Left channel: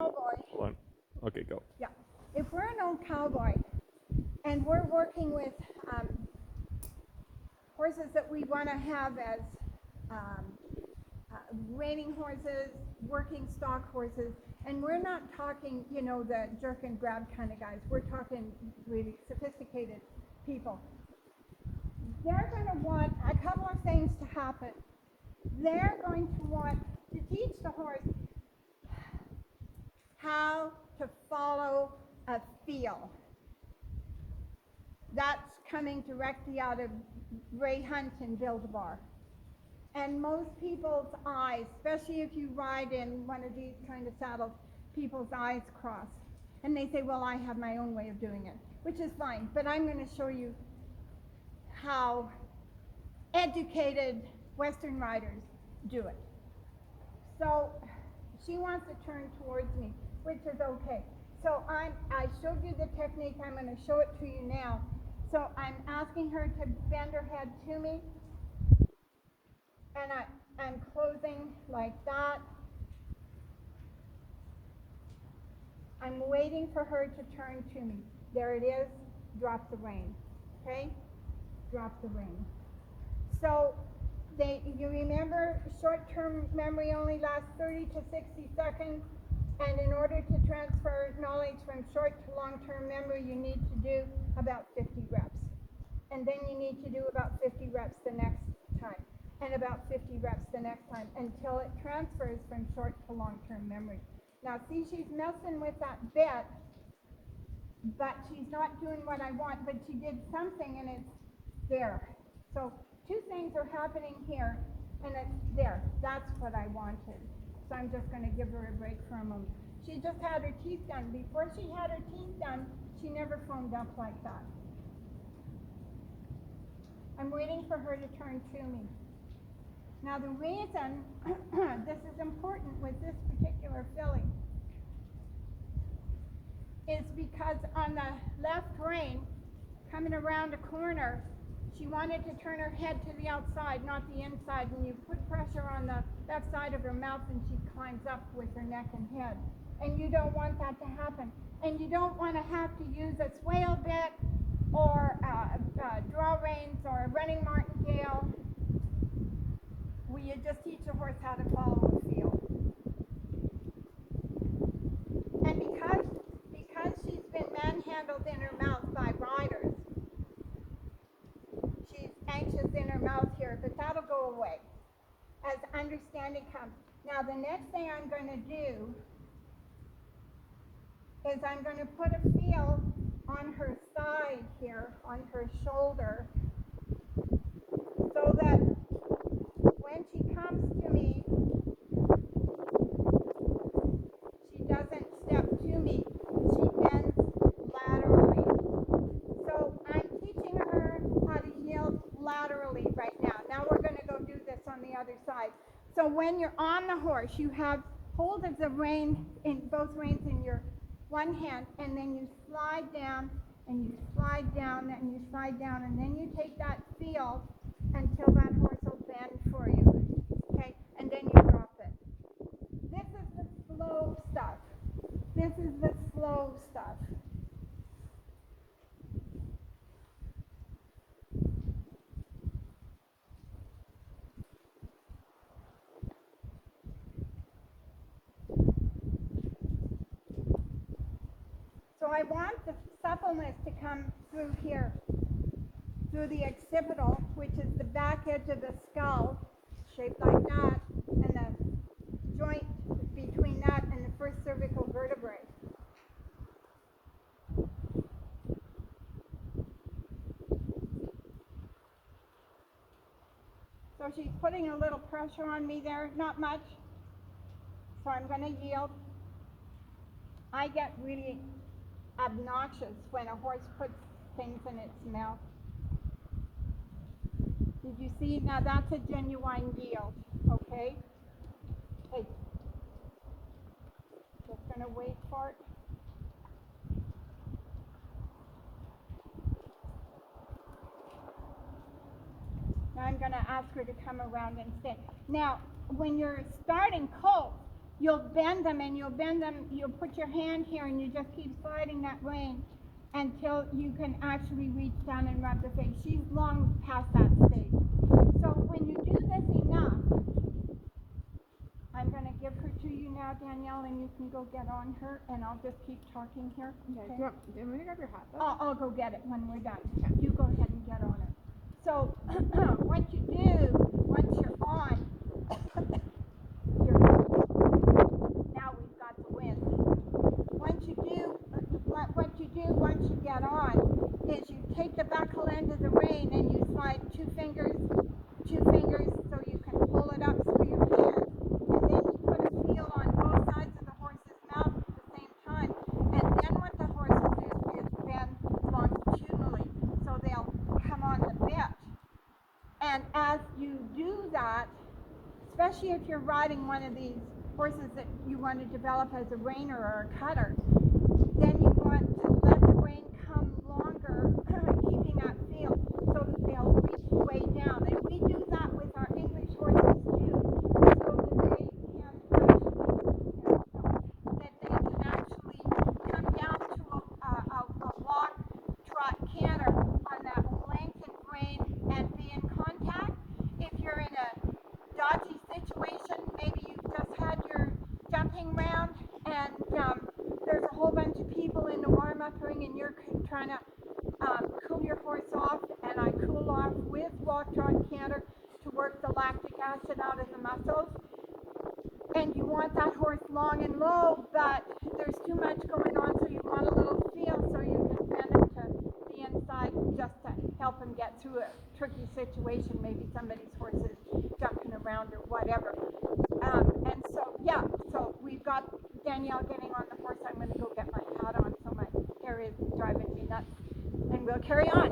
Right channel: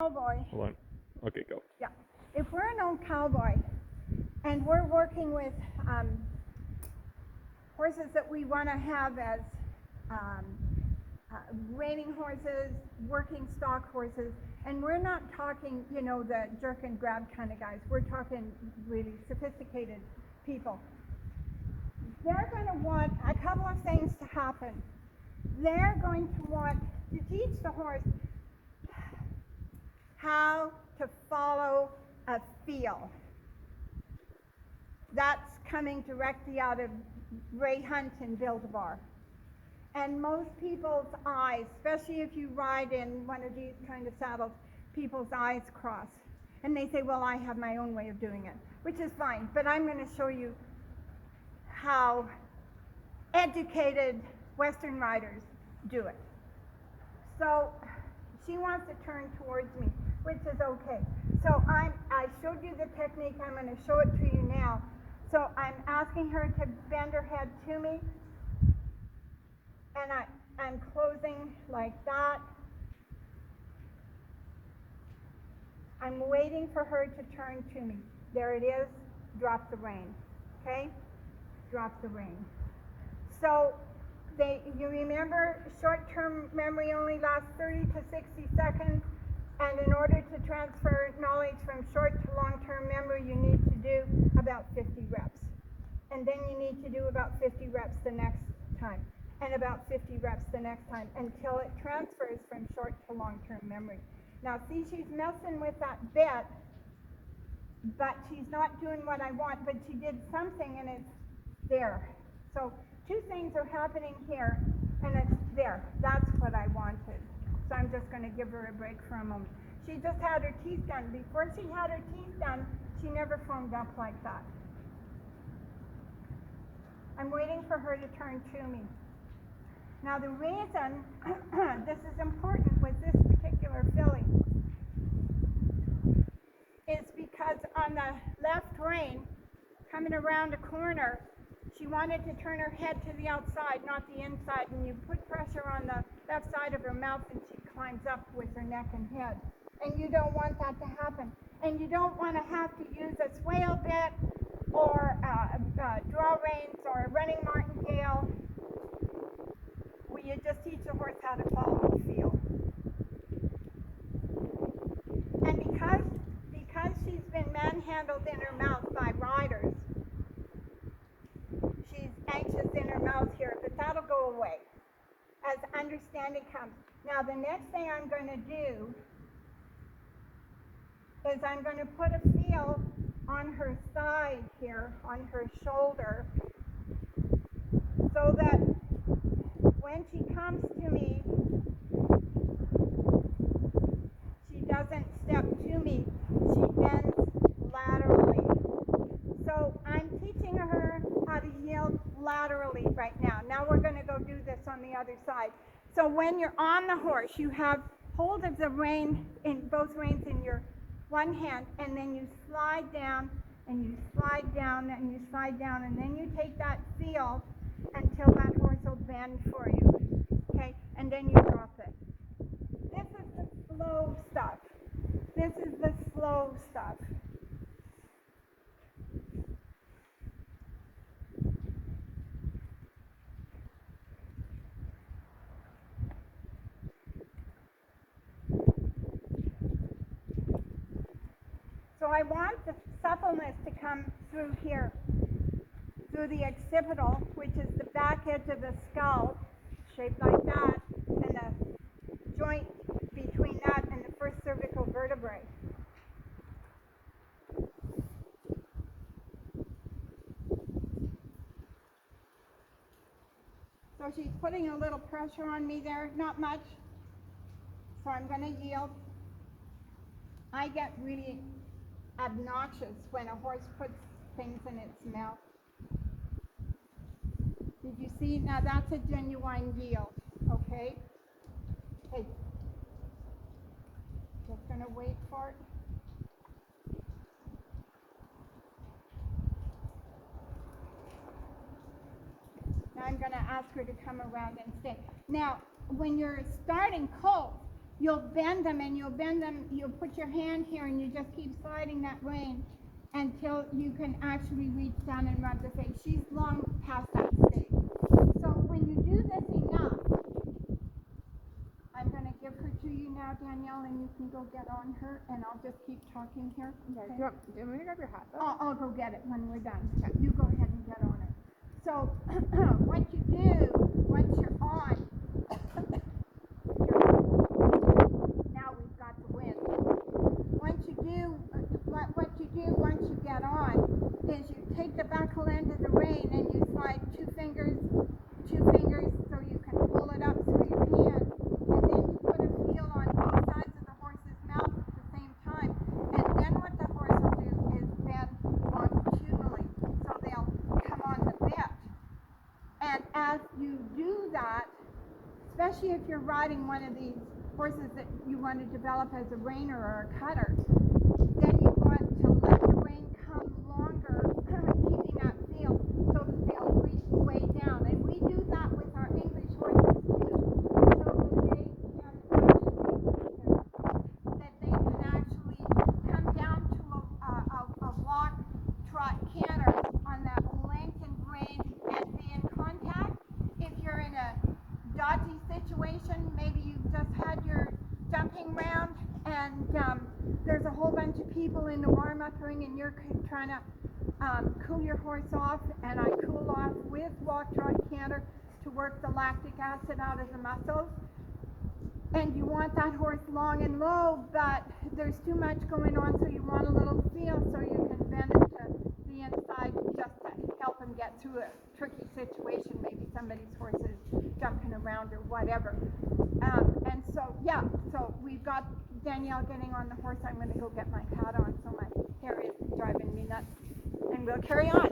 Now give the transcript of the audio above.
Cowboy. Hold on. Okay, go. Yeah. If we're an old cowboy and we're working with horses that we want to have as um, reining horses, working stock horses, and we're not talking, the jerk and grab kind of guys. We're talking really sophisticated people. They're going to want a couple of things to happen. They're going to want to teach the horse how to follow a feel. That's coming directly out of Ray Hunt and Build-A-Bar. And most people's eyes, especially if you ride in one of these kind of saddles, people's eyes cross. And they say, well, I have my own way of doing it, which is fine. But I'm going to show you how educated Western riders do it. So she wants to turn towards me, which is okay. So I showed you the technique. I'm going to show it to you now. So I'm asking her to bend her head to me, and I'm closing like that. I'm waiting for her to turn to me. There it is. Drop the rein. Okay? Drop the rein. So you remember short-term memory only lasts 30 to 60 seconds. And in order to transfer knowledge from short to long-term memory, you need to do about 50 reps. And then you need to do about 50 reps the next time. And about 50 reps the next time until it transfers from short to long-term memory. Now see, she's messing with that bit, but she's not doing what I want, but she did something and it's there. So two things are happening here and it's there. That's what I wanted. So I'm just going to give her a break for a moment. She just had her teeth done. Before she had her teeth done, she never foamed up like that. I'm waiting for her to turn to me. Now the reason this is important with this particular filly is because on the left rein, coming around a corner, she wanted to turn her head to the outside, not the inside. And you put pressure on the left side of her mouth and she climbs up with her neck and head. And you don't want that to happen. And you don't want to have to use a swale bit or draw reins or a running martingale where you just teach the horse how to follow the feel. And because she's been manhandled in her mouth by riders, she's anxious in her mouth here, but that'll go away as understanding comes. Now the next thing I'm going to do is I'm going to put a feel on her side here, on her shoulder, so that when she comes to me, she doesn't step to me, she bends laterally. So I'm teaching her how to yield laterally right now. Now we're going to go do this on the other side. So when you're on the horse, you have hold of the rein, in both reins in your one hand, and then you slide down, and you slide down, and you slide down, and then you take that feel until that horse will bend for you, okay? And then you drop it. This is the slow stuff. This is the slow stuff. So I want the suppleness to come through here, through the occipital, which is the back edge of the skull, shaped like that, and the joint between that and the first cervical vertebrae. So she's putting a little pressure on me there, not much. So I'm going to yield. I get really obnoxious when a horse puts things in its mouth. Did you see? Now that's a genuine yield, okay? Hey, just gonna wait for it. Now I'm gonna ask her to come around and stay. Now, when you're starting colt, you'll bend them, you'll put your hand here and you just keep sliding that rein until you can actually reach down and rub the face. She's long past that stage. So when you do this enough, I'm going to give her to you now, Danielle, and you can go get on her, and I'll just keep talking here. Okay. Do you want me to grab your hat, though? I'll go get it when we're done. Okay. You go ahead and get on her. So what you do, once you're on, now we've got the wind. What you do once you get on is you take the buckle end of the rein and you slide two fingers so you can pull it up through your hand, and then you put a feel on both sides of the horse's mouth at the same time, and then what the horse will do is bend longitudinally, so they'll come on the bit. And as you do that, especially if you're riding one of these horses that you want to develop as a reiner or a cutter, then you want to let the rein come longer, keeping that feel, so that they'll reach way down. And we do that with our English horses too, so that they can actually come down to a walk, trot, canter on that lengthened rein and be in contact. If you're in a dodgy situation, maybe you've just had your jumping round and there's a whole bunch of people in the warm-up ring and you're trying to cool your horse off, and I cool off with walk, trot, canter to work the lactic acid out of the muscles. And you want that horse long and low, but there's too much going on, so you want a little feel so you can bend it to the inside just to help him get through a tricky situation. Maybe somebody's horse is jumping around or whatever. And so, yeah, so we've got Danielle getting on the horse. I'm going to go get my hat on so my hair is driving me nuts. And we'll carry on.